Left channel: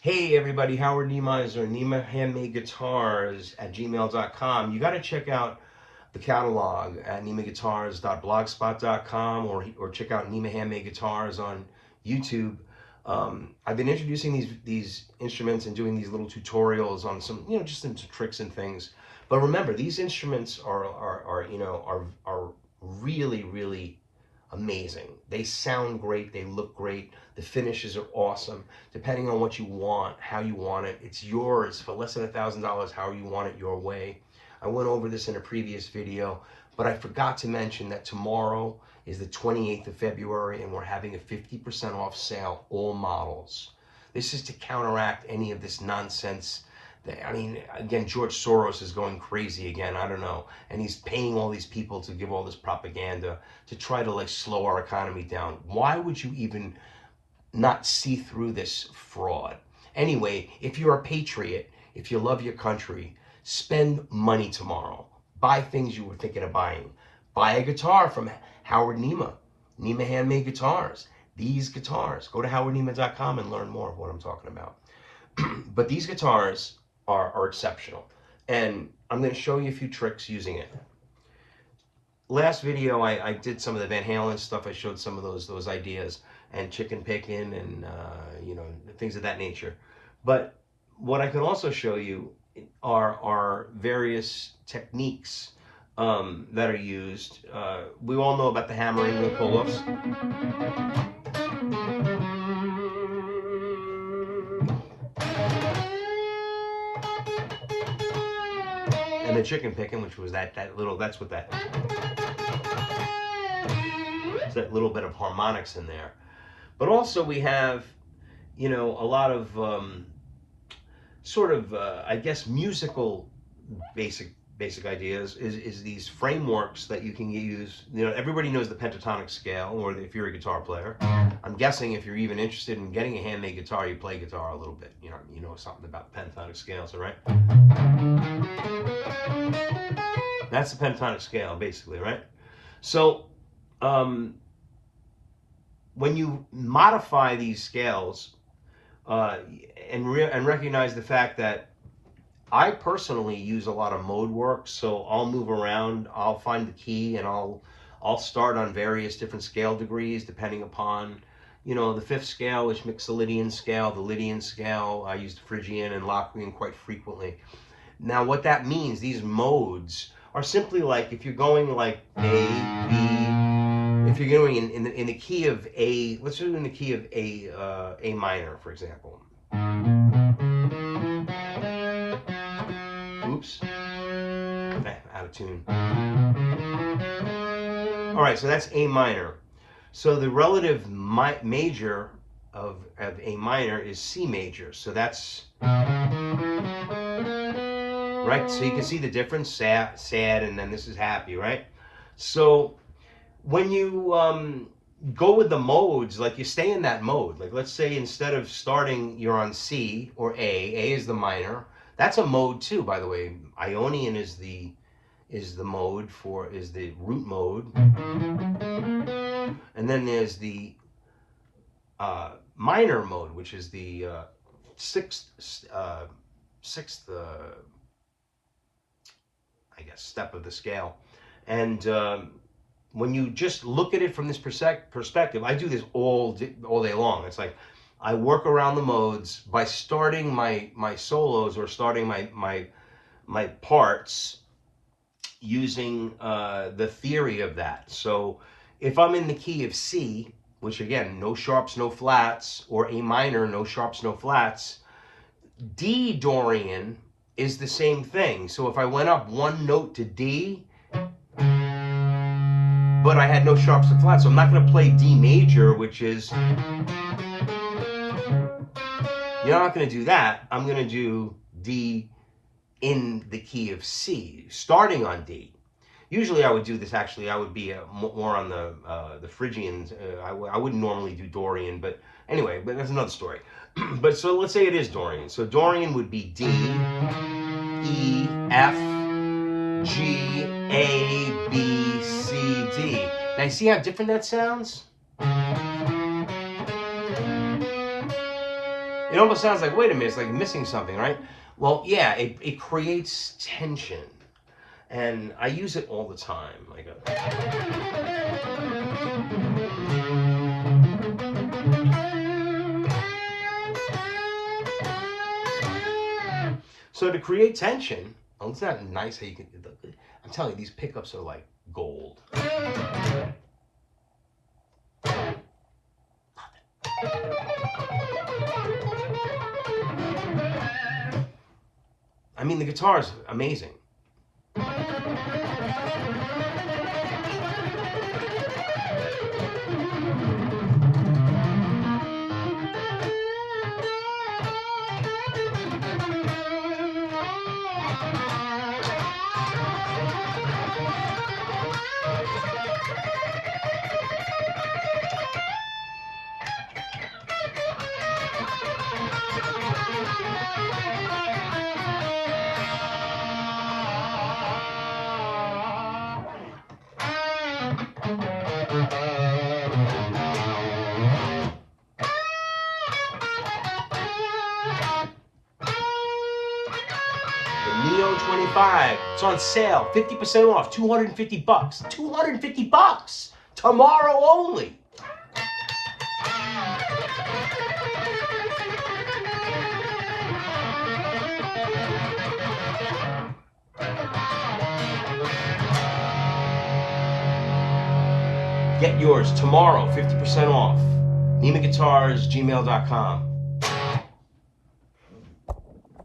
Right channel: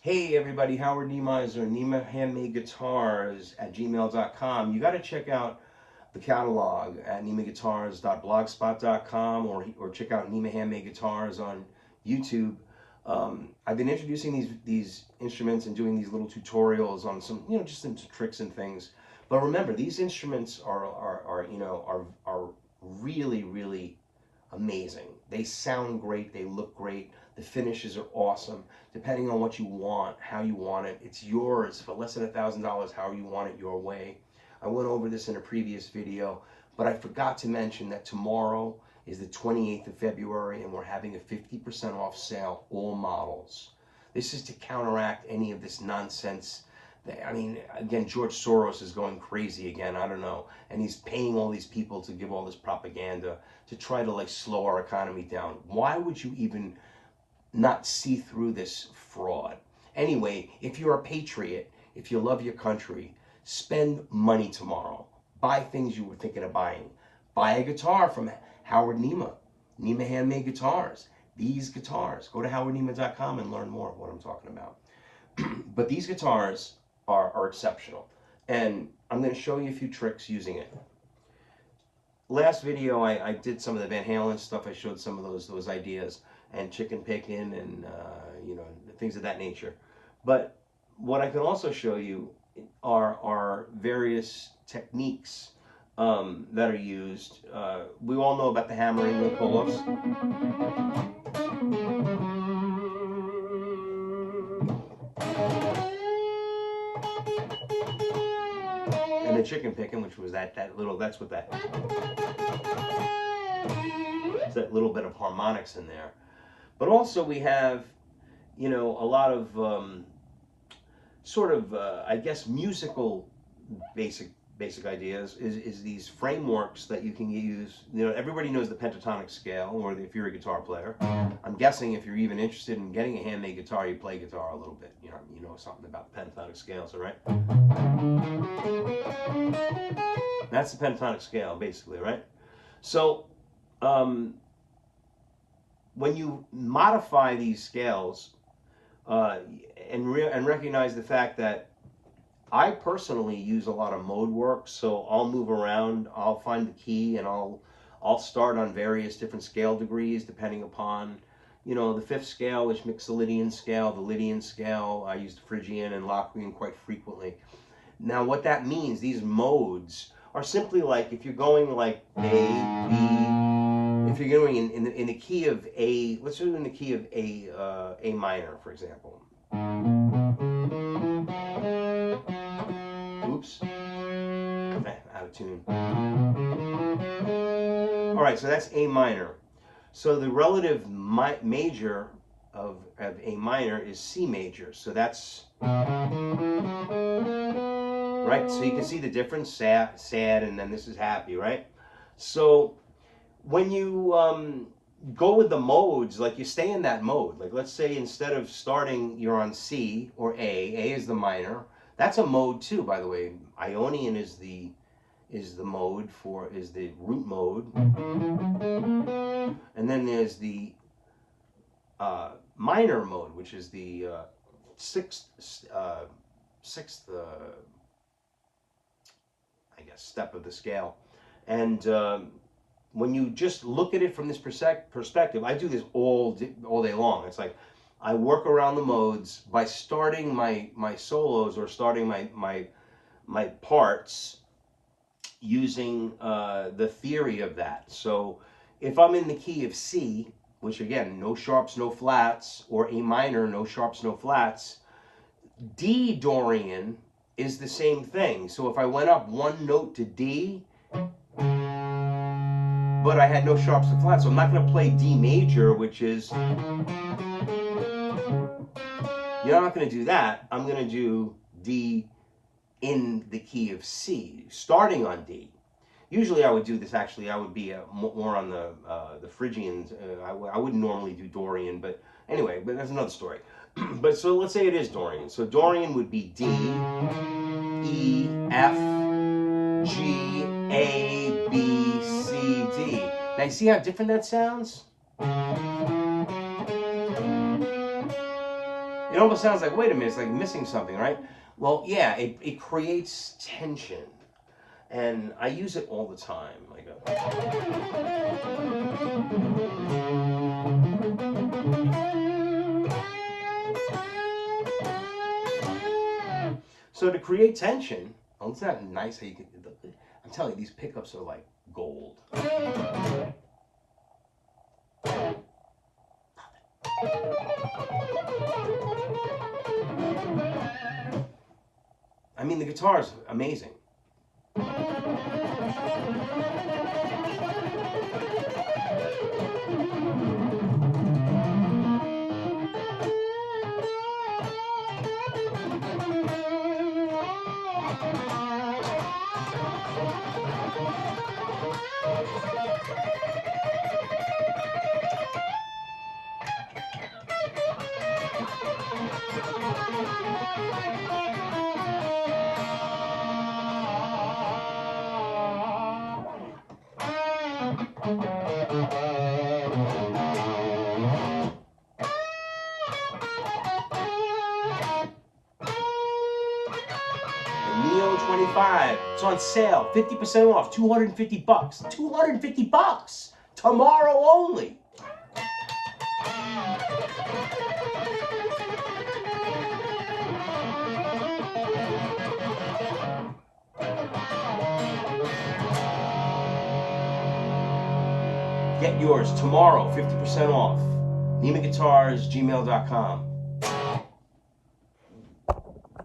Hey everybody, Howard Nemaizer, NemaGuitars@gmail.com. You got to check out the catalog at NemaGuitars.blogspot.com or check out Nema Handmade Guitars on YouTube. I've been introducing these instruments and doing these little tutorials on some, just some tricks and things. But remember, these instruments are really, really amazing. They sound great, they look great, the finishes are awesome. Depending on what you want, how you want it, it's yours for less than $1,000, how you want it your way. I went over this in a previous video, but I forgot to mention that tomorrow is the 28th of February and we're having a 50% off sale, all models. This is to counteract any of this nonsense. I mean, again, George Soros is going crazy again. I don't know. And he's paying all these people to give all this propaganda to try to like slow our economy down. Why would you even not see through this fraud? Anyway, if you're a patriot, if you love your country, spend money tomorrow. Buy things you were thinking of buying. Buy a guitar from Howard Nema, Nema Handmade Guitars. These guitars. Go to howardnema.com and learn more of what I'm talking about. But these guitars are exceptional. And I'm going to show you a few tricks using it. Last video, I did some of the Van Halen stuff. I showed some of those ideas and chicken picking and, things of that nature. But what I can also show you are various techniques that are used. We all know about the hammering, the pull-offs. And the chicken picking, which was that's what that, it's that little bit of harmonics in there. But also we have, a lot of I guess, musical basic ideas is these frameworks that you can use. Everybody knows the pentatonic scale, or if you're a guitar player. I'm guessing if you're even interested in getting a handmade guitar, you play guitar a little bit. You know something about the pentatonic scales, all right? That's the pentatonic scale, basically, right? So, when you modify these scales and recognize the fact that I personally use a lot of mode work, so I'll move around, I'll find the key, and I'll start on various different scale degrees depending upon, the fifth scale, which makes the Lydian scale, the Lydian scale. I use the Phrygian and Locrian quite frequently. Now, what that means, these modes are simply like if you're going like A, B. If you're going in the key of A, let's do it in the key of A minor, for example. Oops, out of tune. All right, so that's A minor. So the relative major of A minor is C major. So that's right. So you can see the difference: sad, and then this is happy, right? So when you go with the modes, like you stay in that mode. Like let's say instead of starting, you're on C or A. A is the minor. That's a mode too, by the way. Ionian is the mode is the root mode, and then there's the minor mode, which is the sixth I guess step of the scale. And when you just look at it from this perspective, I do this all day long. It's like I work around the modes by starting my solos or starting my parts using the theory of that. So if I'm in the key of C, which again, no sharps, no flats, or A minor, no sharps, no flats, D Dorian is the same thing. So if I went up one note to D, but I had no sharps or flats, so I'm not going to play D major, which is, you're not going to do that. I'm going to do D in the key of C, starting on D. Usually I would do this, actually, I would be more on the Phrygians. I wouldn't normally do Dorian, but anyway, but that's another story. But so let's say it is Dorian. So Dorian would be D, E, F, G, A, B, C, D. Now you see how different that sounds? It almost sounds like, wait a minute, it's like missing something, right? Well, yeah, it creates tension. And I use it all the time. Like so to create tension, well, it's not nice how you can, I'm telling you, these pickups are like gold. I mean, the guitar is amazing. Neo 25. It's on sale. 50% off. $250. $250 tomorrow only. Get yours tomorrow. 50% off. NemaGuitars, gmail.com.